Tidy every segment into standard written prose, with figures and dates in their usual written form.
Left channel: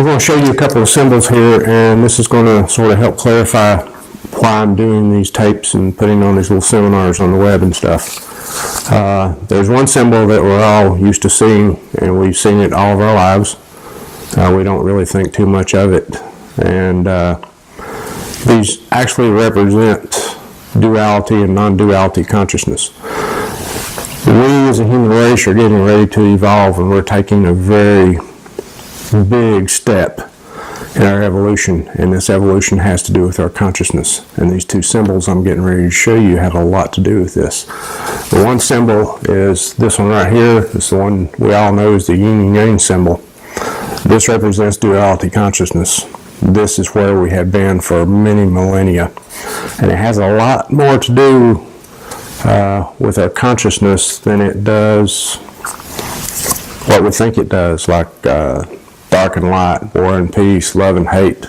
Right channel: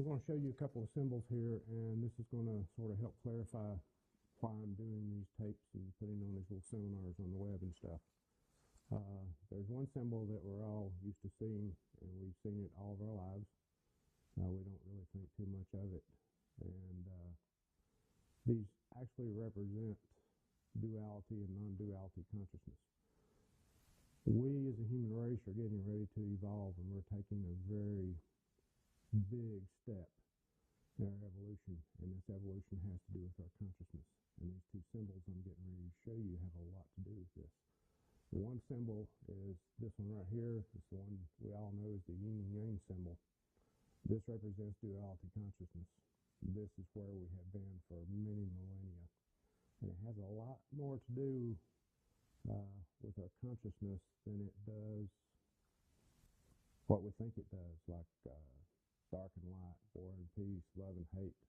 I'm going to show you a couple of symbols here, and this is going to sort of help clarify why I'm doing these tapes and putting on these little seminars on the web and stuff. There's one symbol that we're all used to seeing, and we've seen it all of our lives. We don't really think too much of it, and these actually represent duality and non-duality consciousness. We as a human race are getting ready to evolve, and we're taking a very big step in our evolution, and this evolution has to do with our consciousness. And these two symbols I'm getting ready to show you have a lot to do with this. The one symbol is this one right here. It's the one we all know is the yin and yang symbol. This represents duality consciousness. This is where we have been for many millennia, and it has a lot more to do with our consciousness than it does what we think it does, like dark and light, war and peace, love and hate.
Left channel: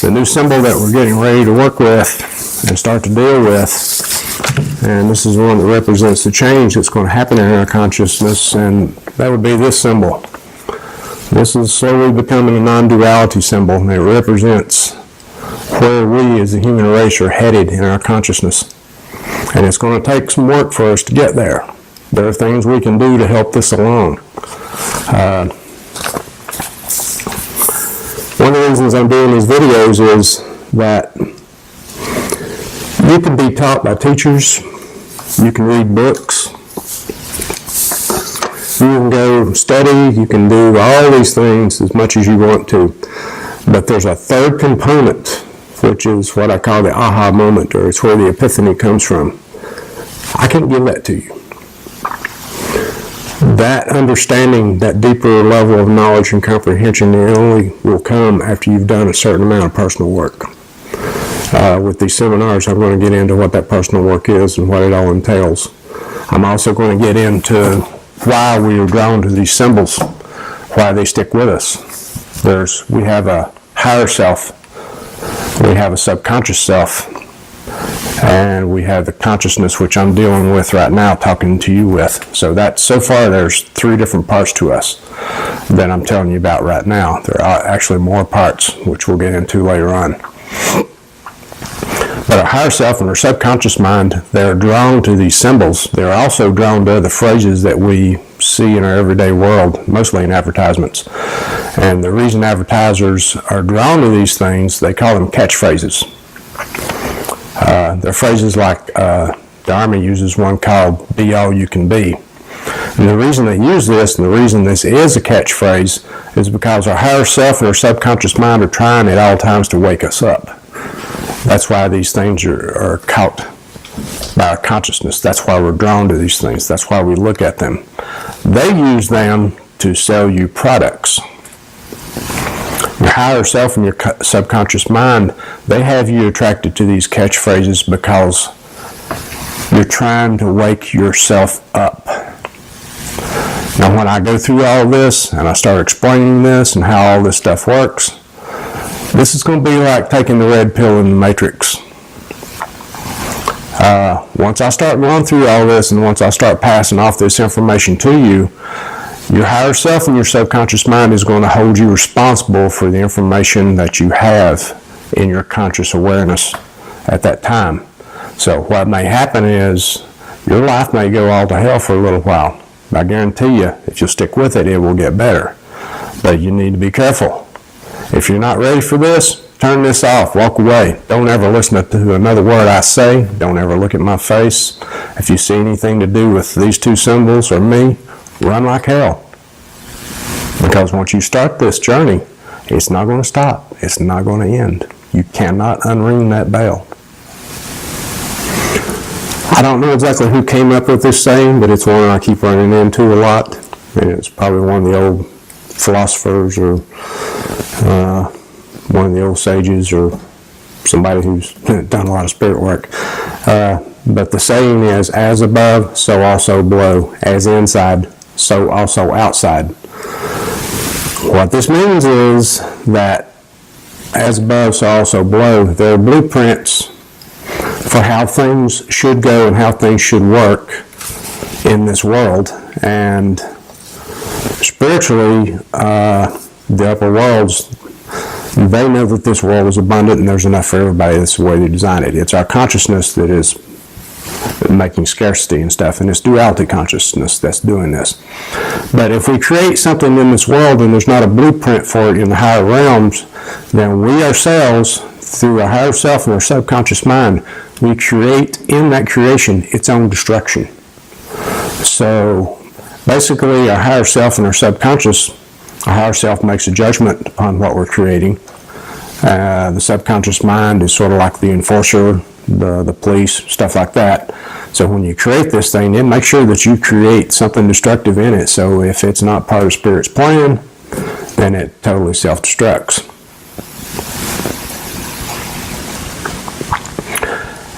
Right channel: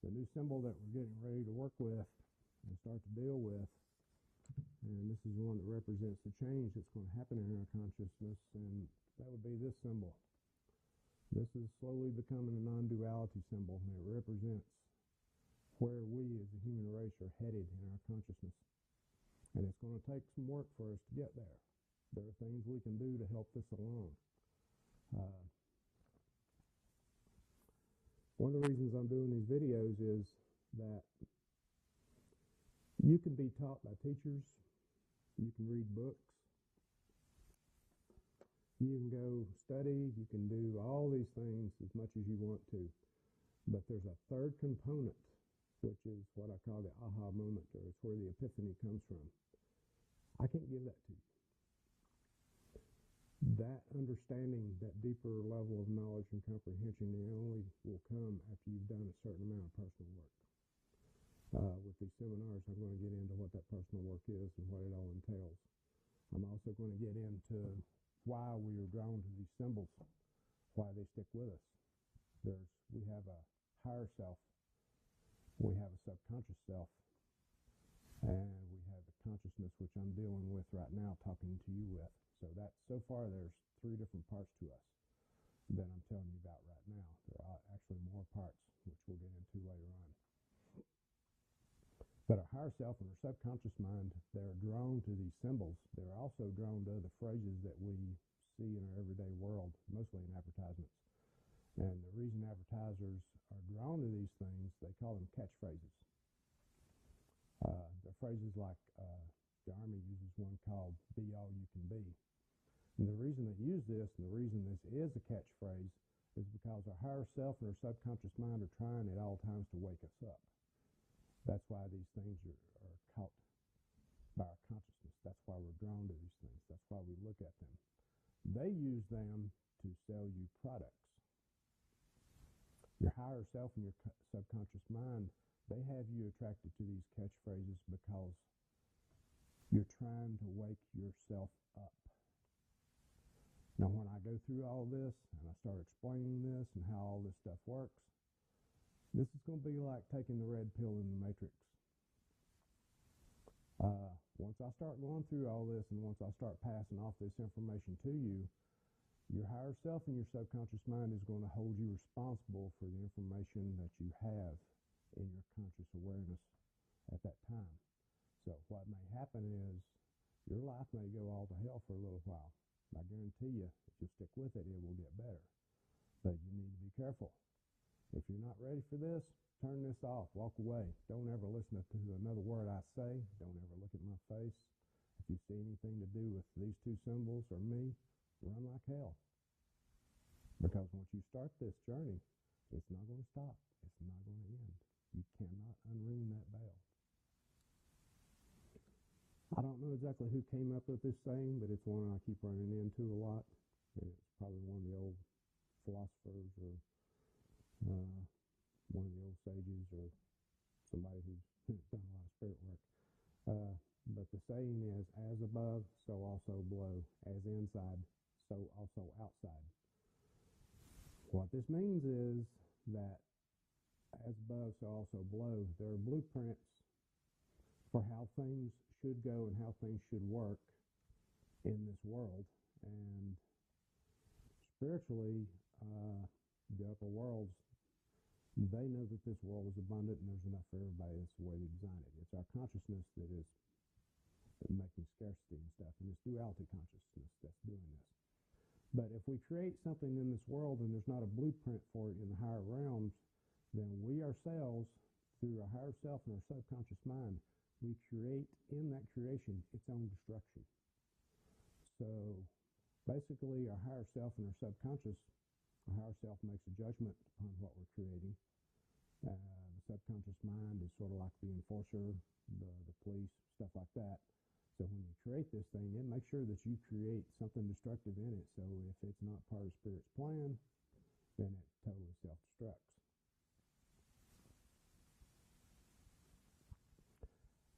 The new symbol that we're getting ready to work with and start to deal with, and this is the one that represents the change that's going to happen in our consciousness, and that would be this symbol. This is slowly becoming a non-duality symbol, and it represents where we as the human race are headed in our consciousness. And it's going to take some work for us to get there. There are things we can do to help this along. One of the reasons I'm doing these videos is that you can be taught by teachers, you can read books, you can go study, you can do all these things as much as you want to. But there's a third component, which is what I call the aha moment, or it's where the epiphany comes from. I can't give that to you. That understanding, that deeper level of knowledge and comprehension, it only will come after you've done a certain amount of personal work. With these seminars, I'm going to get into what that personal work is and what it all entails. I'm also going to get into why we are drawn to these symbols, why they stick with us. We have a higher self, we have a subconscious self, and we have the consciousness, which I'm dealing with right now, talking to you with. So far there's 3 different parts to us that I'm telling you about right now. There are actually more parts, which we'll get into later on. But our higher self and our subconscious mind, they're drawn to these symbols. They're also drawn to the phrases that we see in our everyday world, mostly in advertisements. And the reason advertisers are drawn to these things, they call them catchphrases. They're phrases like the Army uses one called "Be All You Can Be." And the reason they use this, and the reason this is a catchphrase, is because our higher self and our subconscious mind are trying at all times to wake us up. That's why these things are caught by our consciousness. That's why we're drawn to these things. That's why we look at them. They use them to sell you products. Your higher self and your subconscious mind, they have you attracted to these catchphrases because you're trying to wake yourself up. Now, when I go through all this and I start explaining this and how all this stuff works, this is going to be like taking the red pill in the Matrix. Once I start going through all this and once I start passing off this information to you, your higher self and your subconscious mind is going to hold you responsible for the information that you have in your conscious awareness at that time. So what may happen is your life may go all to hell for a little while. I guarantee you, if you'll stick with it, it will get better. But you need to be careful. If you're not ready for this, turn this off, walk away. Don't ever listen to another word I say. Don't ever look at my face. If you see anything to do with these 2 symbols or me, run like hell. Because once you start this journey, it's not going to stop. It's not going to end. You cannot unring that bell. I don't know exactly who came up with this saying, but it's one I keep running into a lot. And it's probably one of the old philosophers or one of the old sages or somebody who's done a lot of spirit work. But the saying is, as above, so also below. As inside, so also outside. What this means is that as above, so also below. There are blueprints for how things should go and how things should work in this world. And spiritually, the upper worlds, they know that this world is abundant and there's enough for everybody. That's the way they design it. It's our consciousness that is making scarcity and stuff, and it's duality consciousness that's doing this. But if we create something in this world and there's not a blueprint for it in the higher realms, then we ourselves, through our higher self and our subconscious mind, we create in that creation its own destruction. So basically, our higher self and our higher self makes a judgment upon what we're creating. The subconscious mind is sort of like the enforcer, the police, stuff like that. So when you create this thing, then make sure that you create something destructive in it. So if it's not part of Spirit's plan, then it totally self-destructs.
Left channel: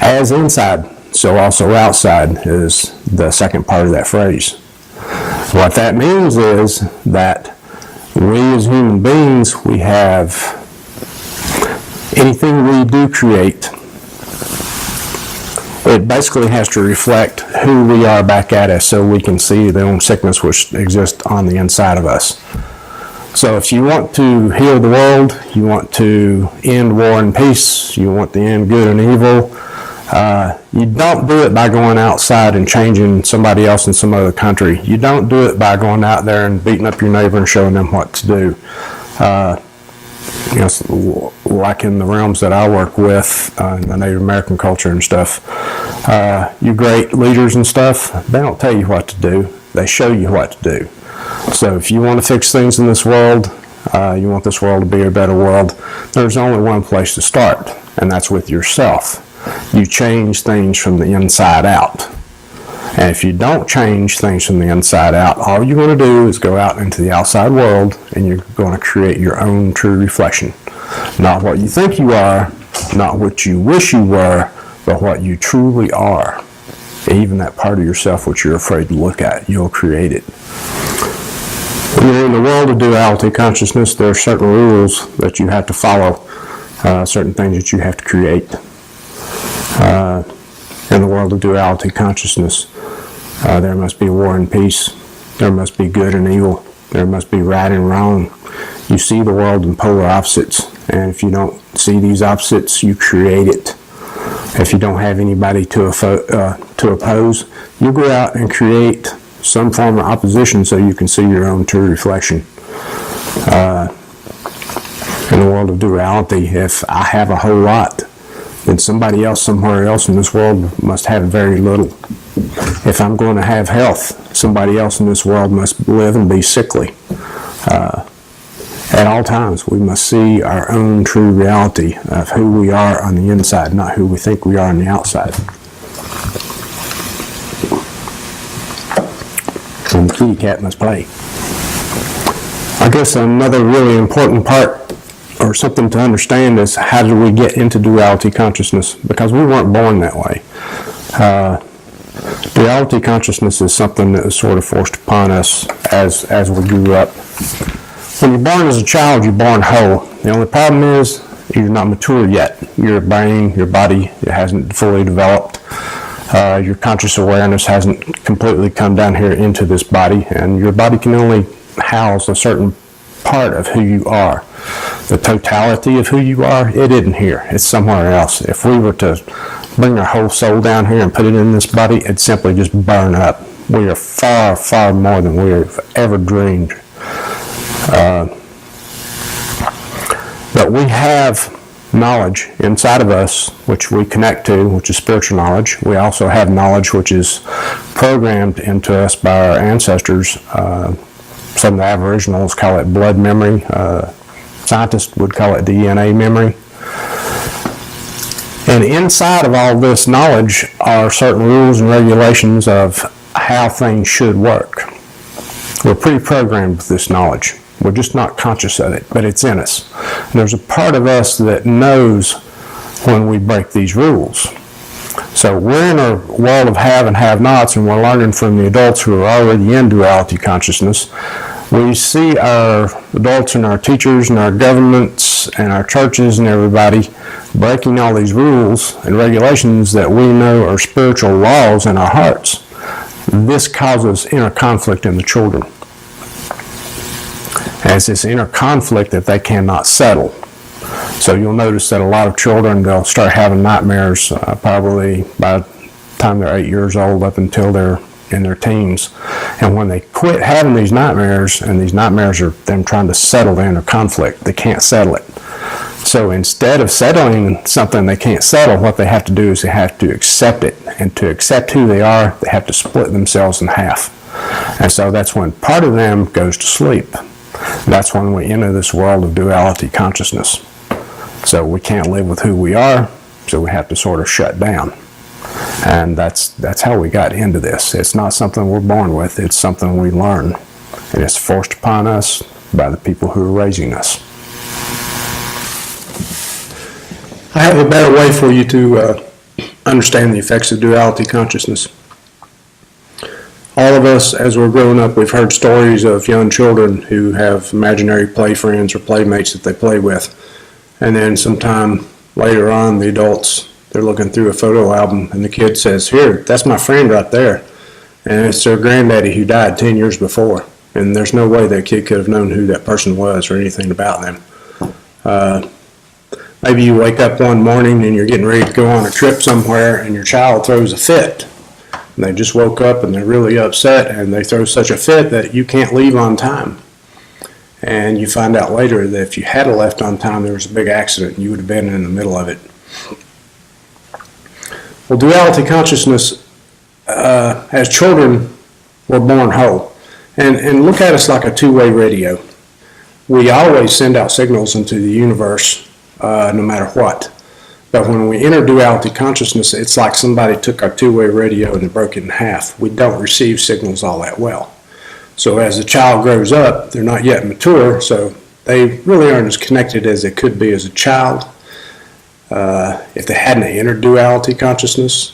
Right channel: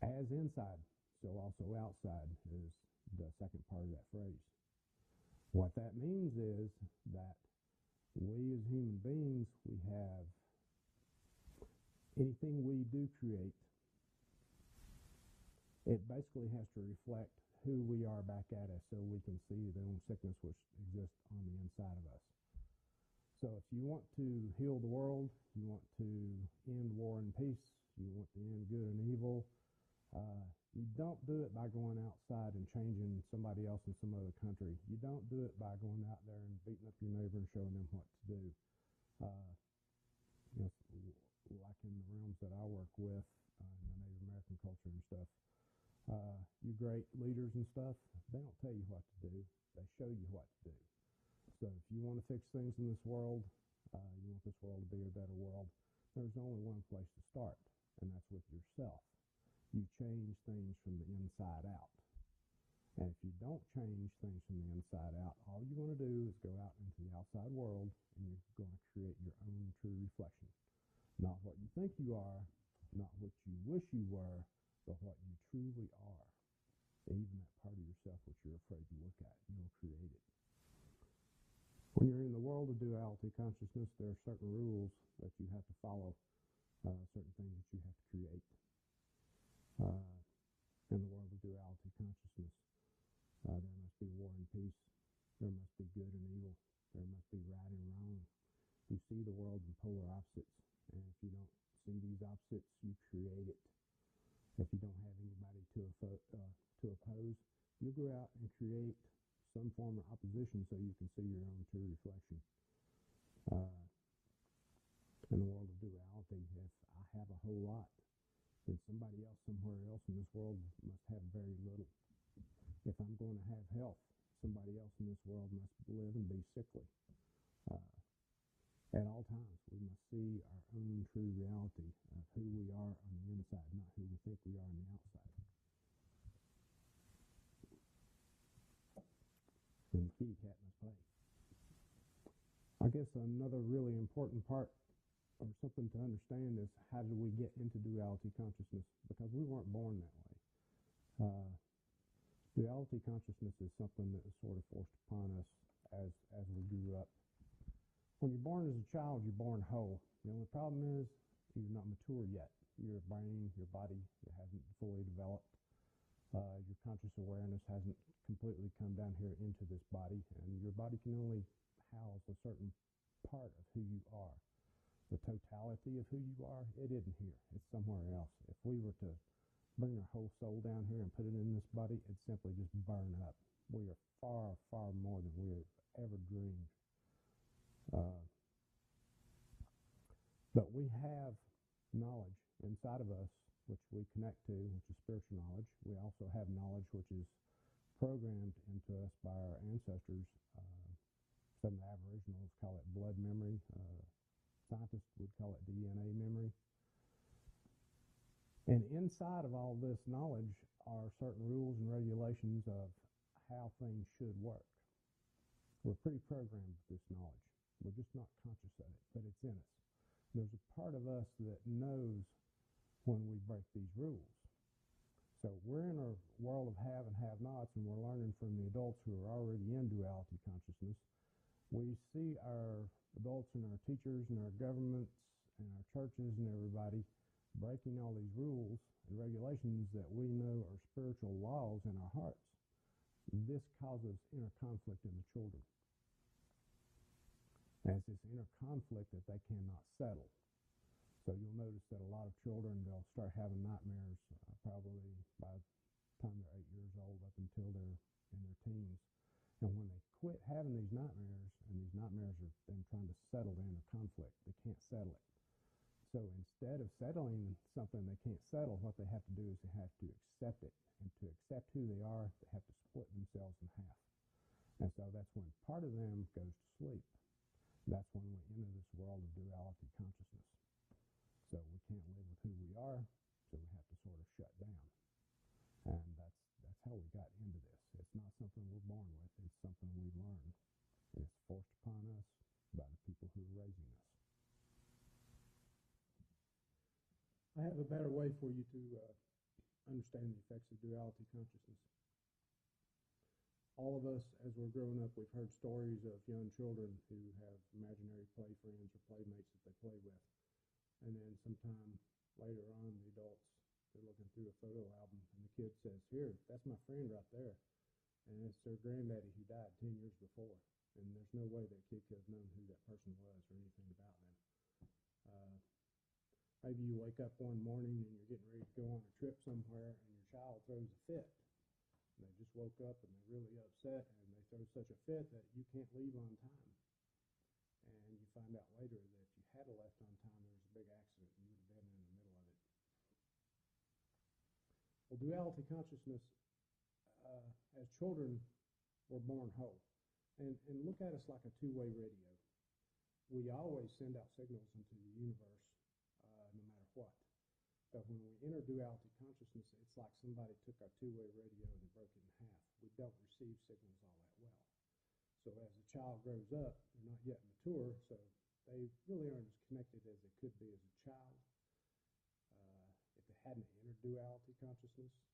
As inside, so also outside is the second part of that phrase. What that means is that we as human beings, we have anything we do create, it basically has to reflect who we are back at us so we can see the own sickness which exists on the inside of us. So if you want to heal the world, you want to end war and peace, you want to end good and evil, you don't do it by going outside and changing somebody else in some other country. You don't do it by going out there and beating up your neighbor and showing them what to do. Like in the realms that I work with, the Native American culture and stuff, you great leaders and stuff, they don't tell you what to do. They show you what to do. So if you want to fix things in this world, you want this world to be a better world, there's only one place to start, and that's with yourself. You change things from the inside out. And if you don't change things from the inside out, all you're going to do is go out into the outside world and you're going to create your own true reflection. Not what you think you are, not what you wish you were, but what you truly are. Even that part of yourself which you're afraid to look at, you'll create it. When you're in the world of duality consciousness, there are certain rules that you have to follow, certain things that you have to create. In the world of duality consciousness, there must be war and peace. There must be good and evil. There must be right and wrong. You see the world in polar opposites, and if you don't see these opposites, you create it. If you don't have anybody to oppose, you go out and create some form of opposition so you can see your own true reflection. In the world of duality, if I have a whole lot, then somebody else somewhere else in this world must have very little. If I'm going to have health, somebody else in this world must live and be sickly. At all times, we must see our own true reality of who we are on the inside, not who we think we are on the outside. And the kitty cat must play. I guess another really important part or something to understand is how do we get into duality consciousness? Because we weren't born that way. Duality consciousness is something that was sort of forced upon us as we grew up. When you're born as a child, you're born whole. The only problem is you're not mature yet. Your brain, your body, it hasn't fully developed. Your conscious awareness hasn't completely come down here into this body, and your body can only house a certain part of who you are. The totality of who you are, it isn't here. It's somewhere else. If we were to bring our whole soul down here and put it in this body, it'd simply just burn up. We are far, far more than we have ever dreamed. But we have knowledge inside of us which we connect to, which is spiritual knowledge. We also have knowledge which is programmed into us by our ancestors. Some of the Aboriginals call it blood memory. Scientists would call it DNA memory. And inside of all this knowledge are certain rules and regulations of how things should work. We're pre-programmed with this knowledge. We're just not conscious of it, but it's in us. And there's a part of us that knows when we break these rules. So we're in a world of have and have-nots, and we're learning from the adults who are already in duality consciousness. We see our adults and our teachers and our governments and our churches and everybody breaking all these rules and regulations that we know are spiritual laws in our hearts. This causes inner conflict in the children. And it's this inner conflict that they cannot settle. So you'll notice that a lot of children, they'll start having nightmares probably by the time they're 8 years old up until they're in their teens. And when they quit having these nightmares, and these nightmares are them trying to settle the inner conflict, they can't settle it. So instead of settling something they can't settle, what they have to do is they have to accept it. And to accept who they are, they have to split themselves in half. And so that's when part of them goes to sleep. That's when we enter this world of duality consciousness. So we can't live with who we are, so we have to sort of shut down. And that's how we got into this. It's not something we're born with, it's something we learn. And it's forced upon us by the people who are raising us. I have a better way for you to understand the effects of duality consciousness. All of us, as we're growing up, we've heard stories of young children who have imaginary play friends or playmates that they play with. And then sometime later on, the adults, they're looking through a photo album and the kid says, "Here, that's my friend right there." And it's their granddaddy who died 10 years before. And there's no way that kid could have known who that person was or anything about them. Maybe you wake up one morning and you're getting ready to go on a trip somewhere and your child throws a fit. And they just woke up and they're really upset and they throw such a fit that you can't leave on time. And you find out later that if you had left on time, there was a big accident and you would have been in the middle of it. Well, duality consciousness, as children, we're born whole. And look at us like a two-way radio. We always send out signals into the universe, no matter what. But when we enter duality consciousness, it's like somebody took our two-way radio and broke it in half. We don't receive signals all that well. So as the child grows up, they're not yet mature, so they really aren't as connected as they could be as a child. If they hadn't entered duality consciousness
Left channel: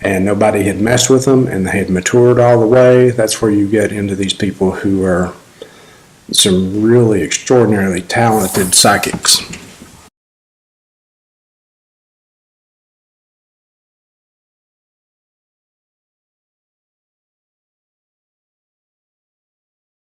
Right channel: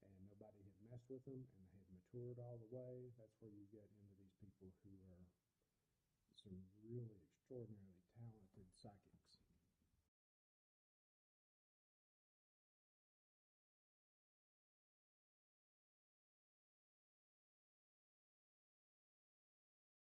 and nobody had messed with them and they had matured all the way, that's where you get into these people who are some really extraordinarily talented psychics.